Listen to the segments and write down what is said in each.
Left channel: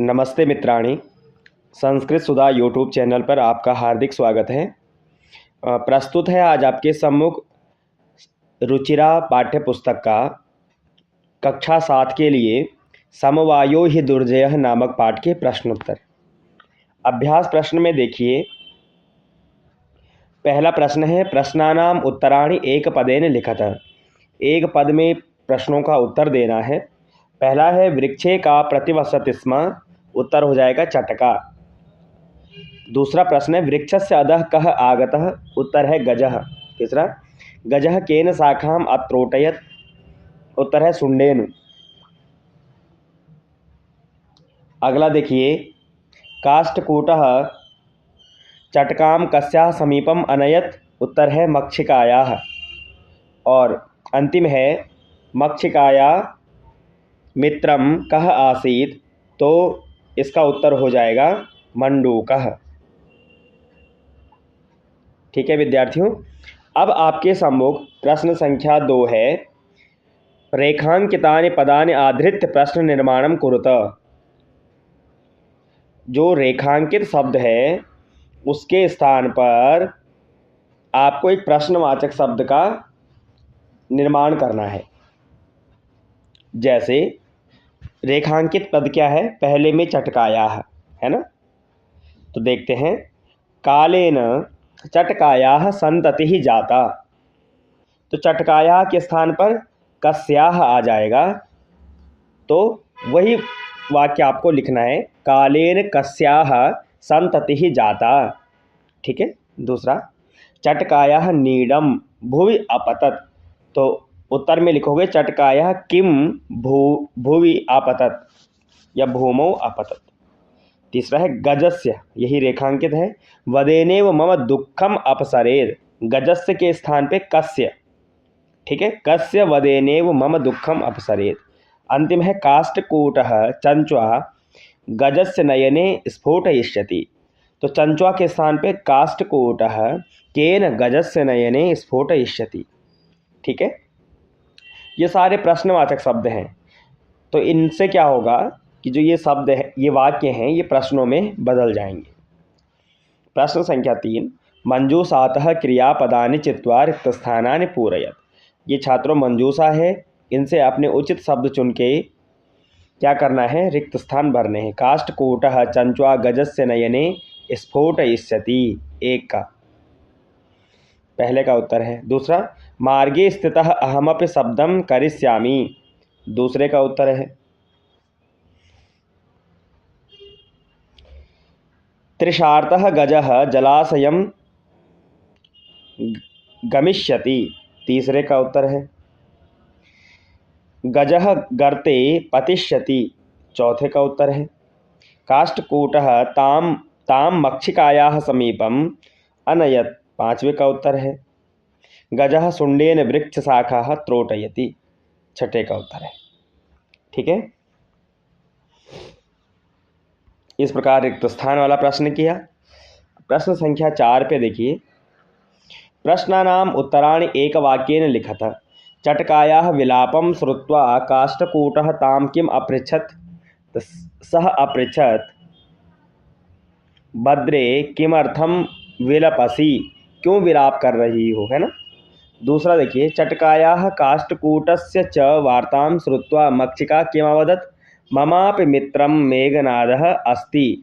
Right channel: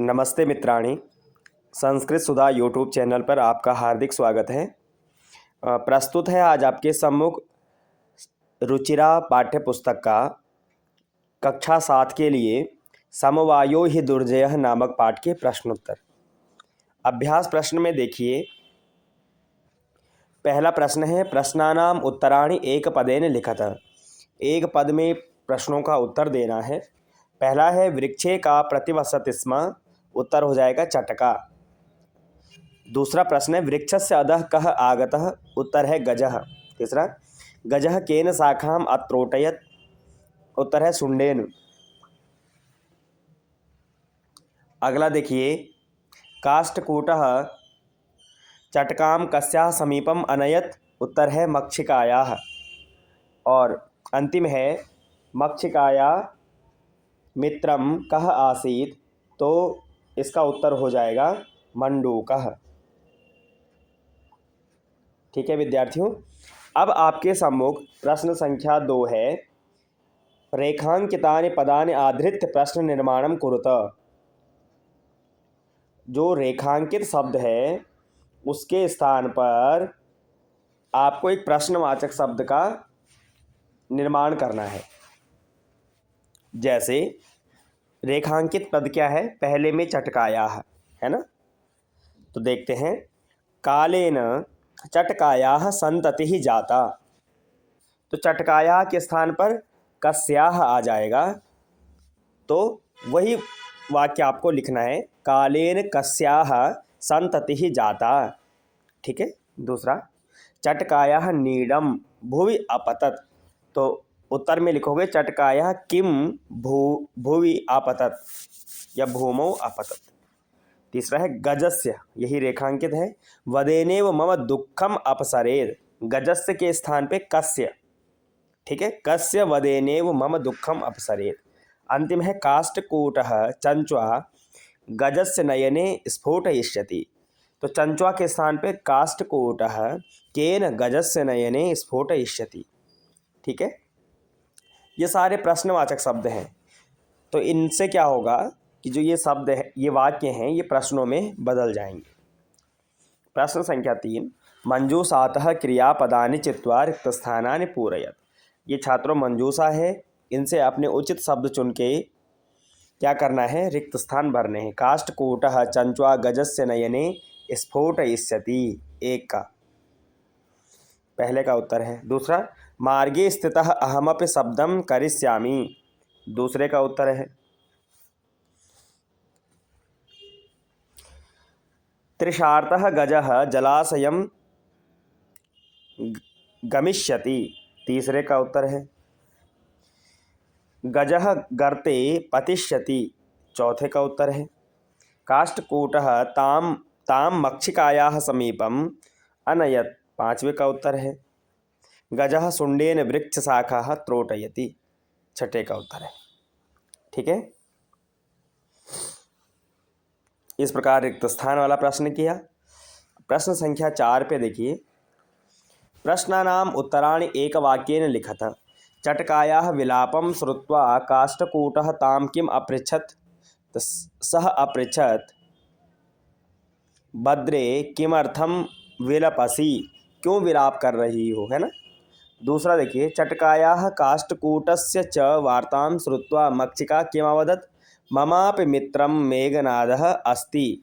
नमस्ते मित्राणि, संस्कृत सुधा YouTube channel पर आपका हार्दिक स्वागत है। प्रस्तुत है आज आपके सम्मुख रुचिरा पाठ्य पुस्तक का कक्षा 7 के लिए समवायो हि दुर्जयः नामक पाठ के प्रश्नोत्तर। अभ्यास प्रश्न में देखिए, पहला प्रश्न है प्रश्नानाम उत्तराणि एक पदेन लिखत। एक पद में प्रश्नों का उत्तर देना है। पहला है वृक्षे का प्रतिवसति स्म, उत्तर हो जाएगा चटका। दूसरा प्रश्न है वृक्षस्य अधः कः आगतः, उत्तर है गजः। तीसरा गजः केन शाखाम अत्रोटयत्, उत्तर है सुंडेन। अगला देखिए, काष्ठकूटः चटकाम कस्याः समीपम अनयत्, उत्तर है मक्षिकायाः। और अंतिम है मक्षिकाया मित्रम कः आसीत्, तो इसका उत्तर हो जाएगा मंडूकः। ठीक है विद्यार्थियों, अब आपके सम्मुख प्रश्न संख्या 2 है रेखांकितानि पदानि आधृत्य प्रश्न निर्माणम कुरुत। जो रेखांकित शब्द है उसके स्थान पर आपको एक प्रश्नवाचक शब्द का निर्माण करना है। जैसे रेखांकित पद क्या है, पहले में चटकाया है ना, तो देखते हैं कालेन चटकाया संतति जाता, तो चटकाया के स्थान पर कस्याह आ जाएगा, तो वही वाक्य आपको लिखना है, कालेन कस्याह संतति जाता। ठीक है। दूसरा चटकाया नीडम भुवि अपतत, तो उत्तर में लिखोगे चटकाया किम भुवि अपतत या भूमौ अपतत। तीसरा है गजस्य, यही रेखांकित है, वदेनेव मम दुखम अपसरेद, गजस्य के स्थान पे कस्य। ठीक है, कस्य वदेनेव मम दुखम अपसरेद। अंतिम है काष्ठकूटः चंच्वा गजस्य नयने स्फोटयिष्यति, तो चंच्वा के स्थान पे काष्ठकूटः केन गजस्य नयने स्फोटयिष्यति। ठीक है, ये सारे प्रश्नवाचक शब्द हैं। तो इनसे क्या होगा कि जो ये शब्द है, ये वाक्य हैं, ये प्रश्नों में बदल जाएंगे। प्रश्न संख्या 3, मंजूषातः क्रियापदानि चित्वा रिक्तस्थानानि पूरयत। ये छात्रों मंजूषा है, इनसे अपने उचित शब्द चुन के क्या करना है, रिक्त स्थान भरने हैं। काष्ठकूटः चंच्वा गजस्य नयने स्फोटयिष्यति, एक का पहले का उत्तर है। दूसरा मार्गे स्थितः अहमपि शब्दम करिष्यामि, दूसरे का उत्तर है। त्रिशार्तः गजः जलाशयं गमिष्यति, तीसरे का उत्तर है। गजः गर्ते पतिष्यति, चौथे का उत्तर है। काष्ठकूटः ताम ताम मक्षिकायाः समीपम अनयत्, पांचवे का उत्तर है। गजः सुंडेन वृक्ष शाखाः त्रोटयति, छठे का उत्तर है। ठीक है, इस प्रकार रिक्त स्थान वाला प्रश्न किया। प्रश्न संख्या 4 पे देखिए, प्रश्नानाम उत्तराणि एक वाक्येन लिखत। चटकायाः विलापं श्रुत्वा काष्ठकूटः तां किम अपृच्छत्, तो सः अपृच्छत् भद्रे किमर्थम विलपसि, क्यों विलाप कर रही हो, है ना। दूसरा देखिए, चटकायाः काष्ठकूटस्य च वार्तां श्रुत्वा मक्षिका किमवदत्, ममापि मित्रं मेघनादः अस्ति।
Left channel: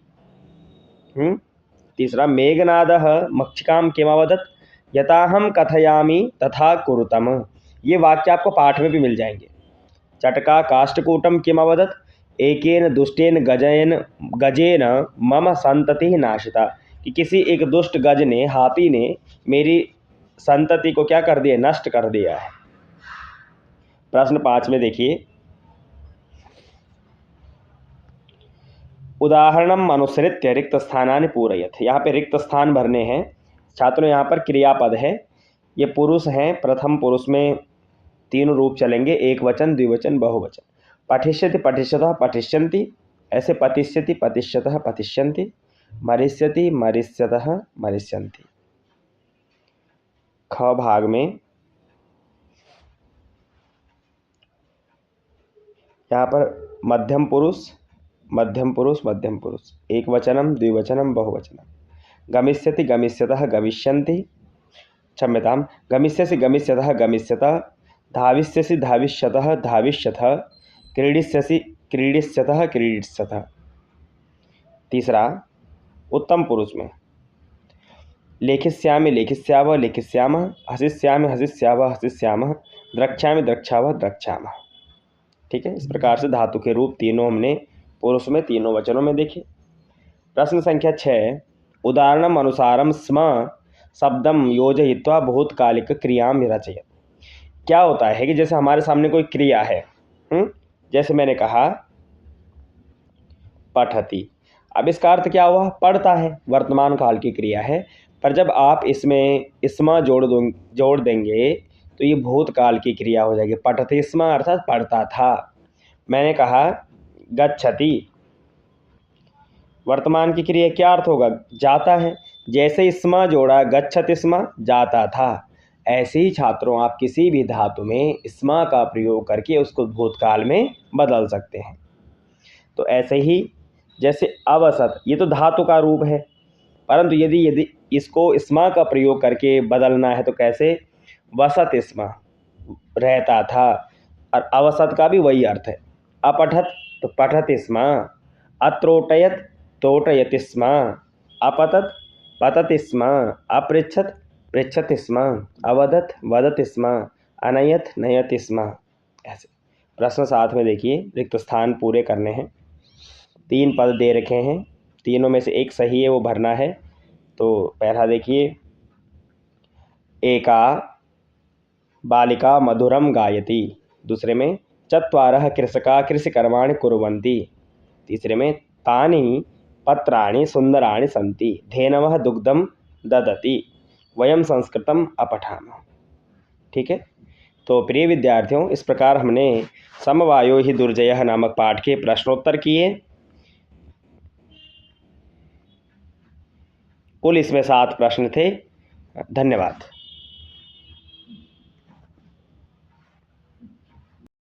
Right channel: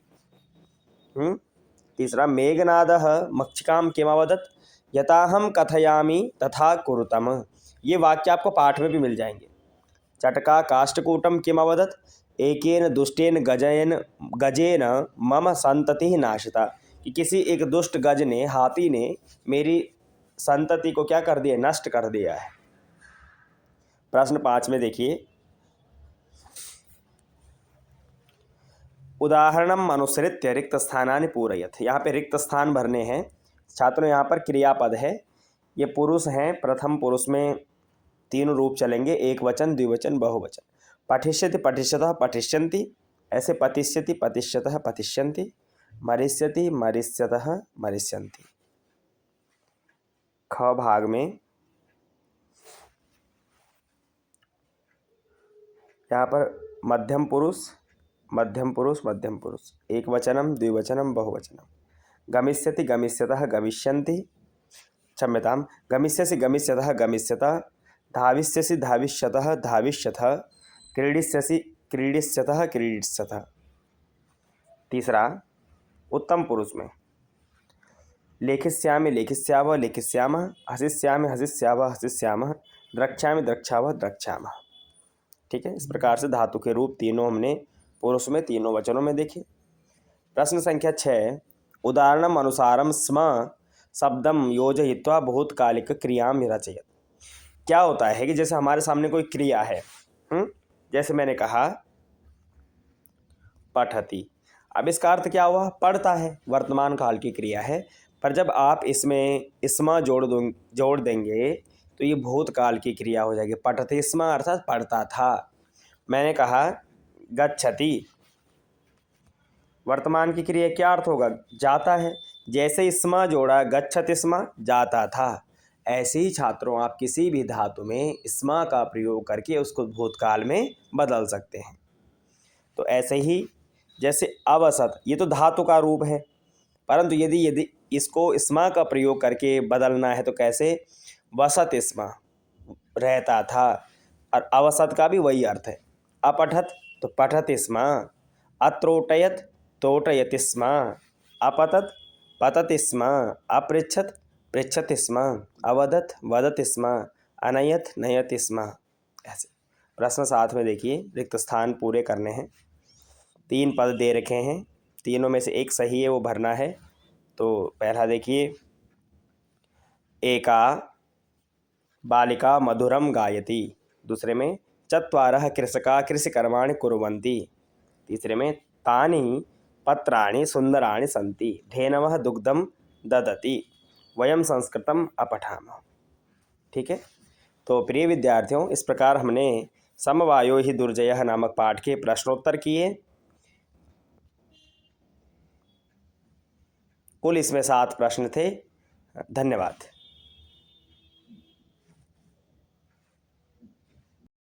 तीसरा मेघनादः मक्षिकां किमवदत्, यथाहं कथयामि तथा कुरुतम। ये वाक्य आपको पाठ में भी मिल जाएंगे। चटका काष्ठकूटम किमवदत्, एकेन दुष्टेन गजेन मम संतति नाशिता, कि किसी एक दुष्ट गज ने, हाथी ने मेरी संतति को क्या कर दिया, नष्ट कर दिया है। प्रश्न 5 में देखिए, उदाहरणम अनुसृत्य रिक्त स्थानानि पूरयत। यहाँ पे रिक्त स्थान भरने हैं छात्रों। यहाँ पर क्रियापद है, ये पुरुष हैं, प्रथम पुरुष में 3 रूप चलेंगे, एक वचन, द्विवचन, बहुवचन। पठिष्यति पठिष्यतः पठिष्यन्ति, ऐसे पतिष्यति पतिष्यतः पतिष्यन्ति, मरिष्यति मरिष्यतः मरिष्यन्ति। ख भाग में यहाँ पर मध्यम पुरुष मध्यम पुरुष, एक वचनम द्विवचनम बहुवचनम। गमिष्यति गमिष्यतः गमिष्यन्ति, क्षम्यतां, गमिष्यसि गमिष्यतः गमिष्यतः, धाविष्यसि धाविष्यतः धाविष्यतः, क्रीडिष्यसि क्रीडिष्यतः क्रीडिष्यतः। तीसरा उत्तम पुरुष में लेखिष्यामि लेखिष्यावः लेखिष्यामः, हसिष्यामि हसिष्यावः हसिष्यामः, द्रक्ष्यामि द्रक्ष्यावः द्रक्ष्यामः। ठीक है, इस प्रकार से धातु के रूप तीनों हमने पुरुष में तीनों वचनों में देखे। प्रश्न संख्या 6, उदाहरणम अनुसारम स्म शब्दम योजयित्वा भूतकालिक क्रियां रचयत। क्या होता है कि जैसे हमारे सामने कोई क्रिया है, जैसे मैंने कहा पठति, अब इसका अर्थ क्या हुआ? पढ़ता है, वर्तमान काल की क्रिया है, पर जब आप इसमें स्म जोड़ देंगे तो ये भूतकाल की क्रिया हो जाएगी। पठति स्म अर्थात पढ़ता था। मैंने कहा गच्छति, वर्तमान की क्रिया क्या अर्थ होगा? जाता है। जैसे स्म जोड़ा गच्छति स्म, जाता था। ऐसे ही छात्रों आप किसी भी धातु में स्म का प्रयोग करके उसको भूतकाल में बदल सकते हैं। तो ऐसे ही जैसे अवसत, ये तो धातु का रूप है, परंतु यदि इसको स्म का प्रयोग करके बदलना है तो कैसे? वसत स्म, रहता था। और अवसत का भी वही अर्थ है। अपठत तो पठत स्म, अत्रोटयत तोटयति स्म, अपतत पतति स्म, अपृच्छत पृच्छति स्म, अवदत वदति स्म, अनयत नयति स्म। ऐसे प्रश्न साथ में देखिए, रिक्त स्थान पूरे करने हैं। 3 पद दे रखे हैं, तीनों में से एक सही है, वो भरना है। तो पहला देखिए, एका बालिका मधुरम गायति। दूसरे में चत्वारः कृषका कृषिकर्माणि कुर्वन्ति। तीसरे में तानि पत्राणि सुंदराणि सन्ति, धेनवः दुग्धम ददति, वयम संस्कृतम अपठामः। ठीक है, तो प्रिय विद्यार्थियों, इस प्रकार हमने समवायो हि दुर्जयः नामक पाठ के प्रश्नोत्तर किए। कुल इसमें 7 प्रश्न थे। धन्यवाद।